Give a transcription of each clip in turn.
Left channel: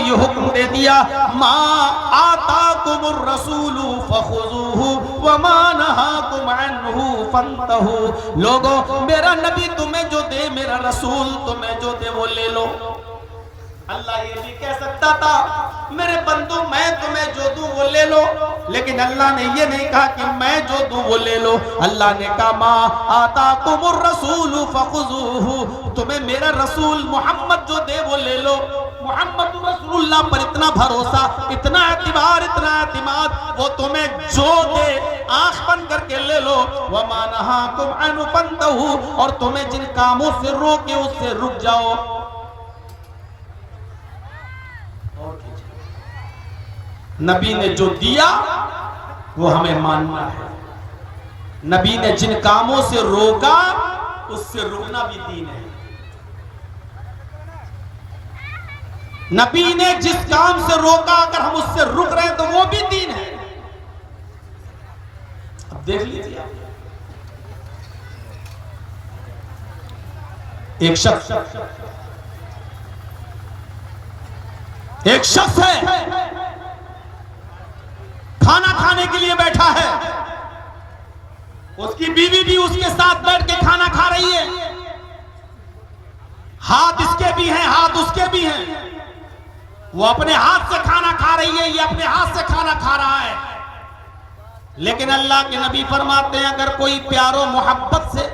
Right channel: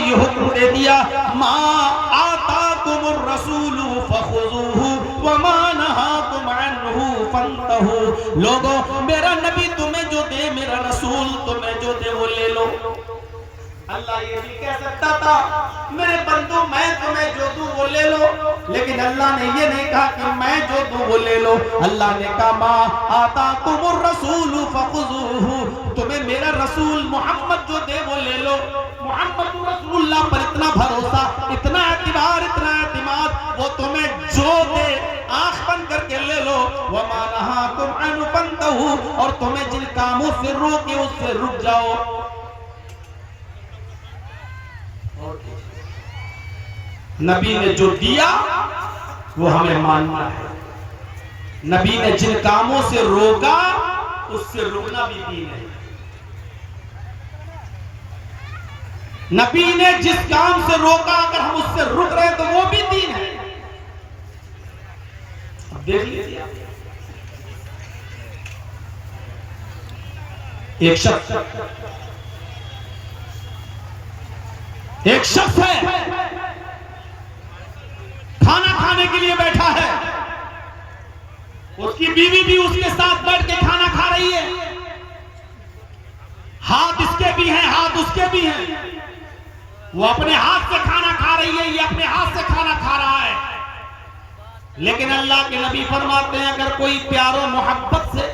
ये हुक्म दे दिया, मा आताकुमुर रसूलु फखुज़ूहु व मा नहाकुम अन्हु फंतहु। लोगों, मेरा नबी तुम्हें जो दे, मेरा रसूल तुम्हें जो दे वो ले लो। अल्लाह ये भी कह सकता था, मेरे बंदो मैं तुम्हें जो दूं वो ले लो, लेकिन अल्लाह ने ये नहीं कहा कि मैं जो दूं वो ले लो। अल्लाह ने कहा, मा आताकुमुर रसूलु फखुज़ूहु, तुम्हें मेरा रसूल मोहम्मद जो दे वो ले लो। मोहम्मद रसूलुल्लाह पर इतना भरोसा, इतना एतबार, इतना एतमाद, वो तुम्हें जो दे आंख बंद करके ले लो। व मा नहाकुम अन्हु फंतहु, और तुम्हें जिन कामों से रोके उससे रुक जाओ। नबी ने जो दिया वो हमें मानना है, नबी ने जिन कामों से रोका उससे रुकना भी दीन है। नबी ने जिस काम से रोका अगर हम उससे रुक रहे हैं तो वो भी दीन है। अब देख लीजिए, एक शख्स है, खाना खाने के लिए बैठा है, उसकी बीवी भी उसके साथ बैठ के खाना खा रही है, हाथ इसके भी हैं हाथ उसके भी हैं, वो अपने हाथ से खाना खा रही है, ये अपने हाथ से खाना खा रहा है। लेकिन अल्लाह के नबी फरमाते हैं, अगर कोई प्यारो मोहब्बत से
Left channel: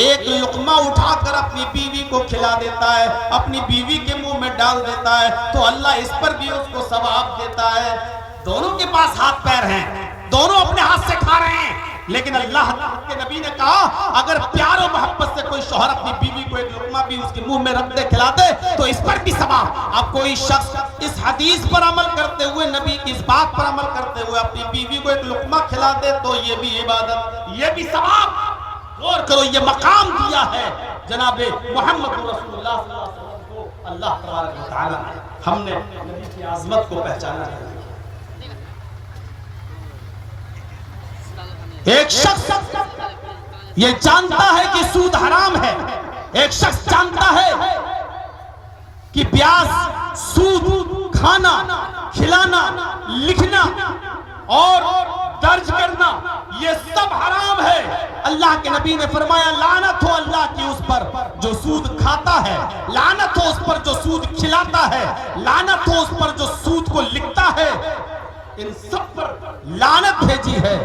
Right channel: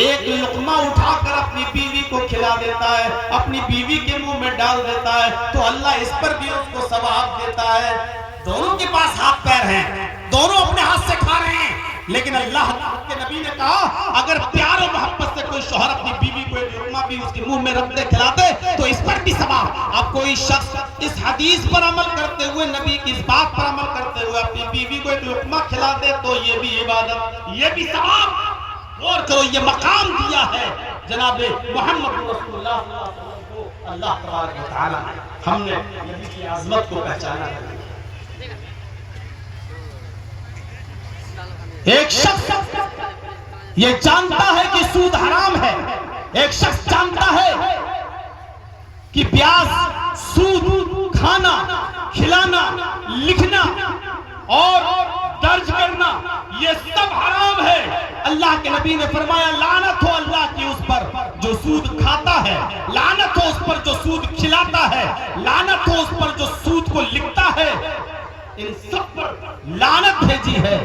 एक लुकमा उठाकर अपनी बीवी को खिला देता है, अपनी बीवी के मुंह में डाल देता है, तो अल्लाह इस पर भी उसको सवाब देता है। दोनों के पास हाथ पैर हैं, दोनों अपने हाथ से खा रहे हैं, लेकिन अल्लाह के नबी ने कहा, अगर प्यार और मोहब्बत से कोई शौहर अपनी बीवी को एक लुकमा भी उसके मुंह में रख दे, खिलाते, तो इस पर भी सवाब। अब कोई शख्स इस हदीस पर अमल करते हुए, नबी की इस बात पर अमल करते हुए अपनी बीवी को एक लुकमा खिला दे, तो ये भी इबादत, ये भी सवाब। गौर करो, ये मकाम दिया है जनाबे मोहम्मद रसूलुल्लाह सल्लल्लाहु अलैहि वसल्लम को अल्लाह तबारक व तआला। हमने नबी की आज़मत को पहचाना है। एक शख्स ये जानता है कि सूद हराम है, एक शख्स जानता है कि ब्याज, सूद, खाना, खिलाना, लिखना और दर्ज करना ये सब हराम है। अल्लाह के नबी ने फरमाया, लानत हो अल्लाह की उस पर जो सूद खाता है, लानत हो उस पर जो सूद खिलाता है, लानत हो उस पर जो सूद को लिखता है, इन सब पर लानत भेजी है।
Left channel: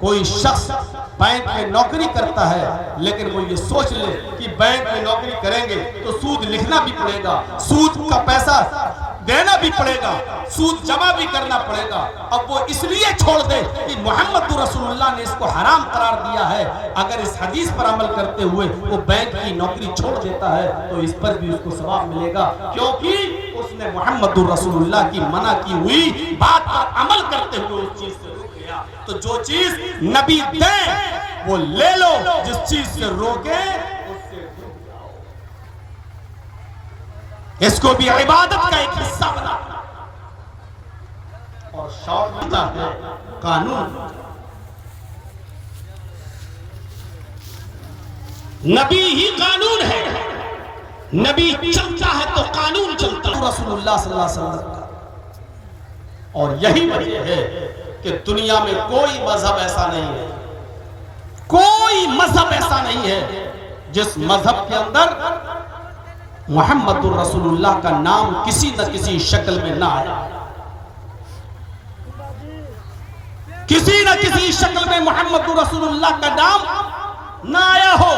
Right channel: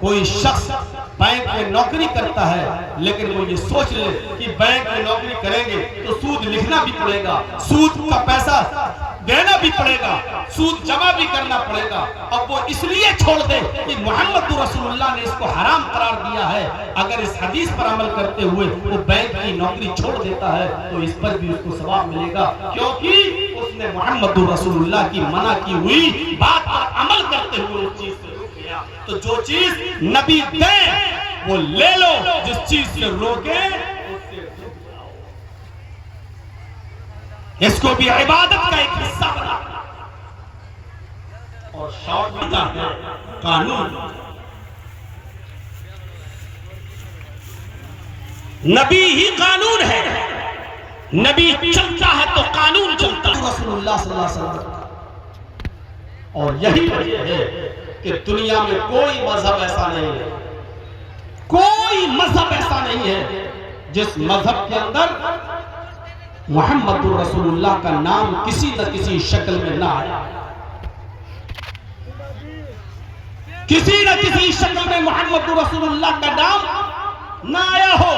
कोई शख्स बैंक में नौकरी करता है, लेकिन वो ये सोच ले कि बैंक में नौकरी करेंगे तो सूद लिखना भी पड़ेगा, सूद का पैसा देना भी पड़ेगा, सूद जमा भी करना पड़ेगा। अब वो इसलिए छोड़ दे कि मोहम्मद रसूलुल्लाह ने इसको हराम करार दिया है। अगर इस हदीस पर अमल करते हुए वो बैंक की नौकरी छोड़ देता है तो इस पर भी उसको सवाब मिलेगा, क्योंकि उसने मोहम्मद रसूलुल्लाह की मना की हुई बात पर अमल करते हुए उस चीज से रुक गया। तो जो चीज नबी दे वो ले लो, जिस चीज से रोके उससे रुक जाओ। इसको भी इबादत का एक हिस्सा बना और शॉर्ट होता है कानून। नबी ही कानून है, नबी चलता है तो कानून चलता है, रसूलुल्लाह सल्लल्लाहु अलैहि वसल्लम। और यही वजह है कि दुनिया में कोई मजहब ऐसा नहीं है, कोई मजहब ऐसा नहीं है जिस मजहब के अंदर मोहम्मद रसूलुल्लाह का नाम किसी न किसी शक्ल में ना आया, किसी न किसी शक्ल में मोहम्मद रसूलुल्लाह का नाम ना आया हो।